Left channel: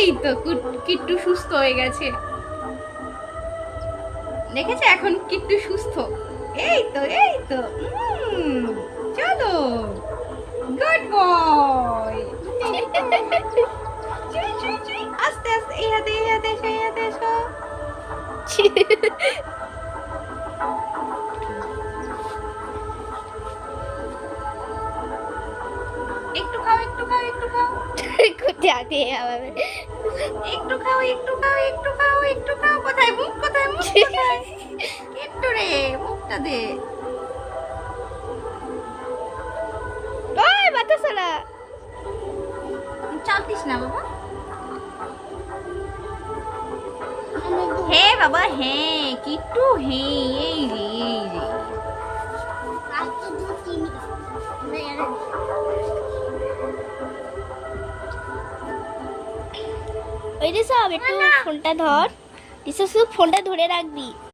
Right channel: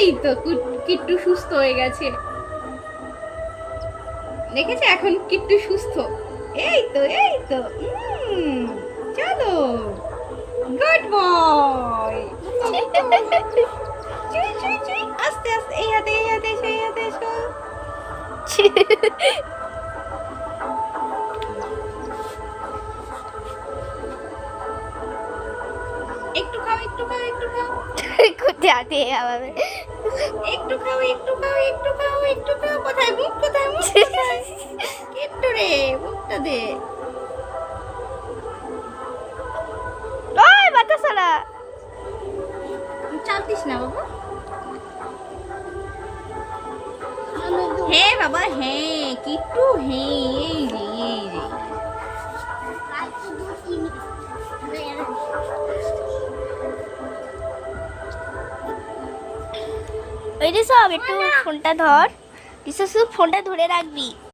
এই তো কিট্টু সুস্থ হয়ে গেছে, দেখেছে? এখন কিট্টু সুস্থ। এই তো চলো, গুড বয়। আস্তে আস্তে, এই হাতে এসো। একটু খাও কোথায় আবার একটু খাও। কোথায় মুখ কিট্টু রে, মুখটা দে। ওই বাতাসালা চালতিস না বাবা। হ্যাঁ বাবা, হ্যাঁ কিট্টু, হ্যাঁ এই রে। ওই রে সব একটু ফোনটা ধর, রিসা শুধু ফোনটা ধরে রাখবি।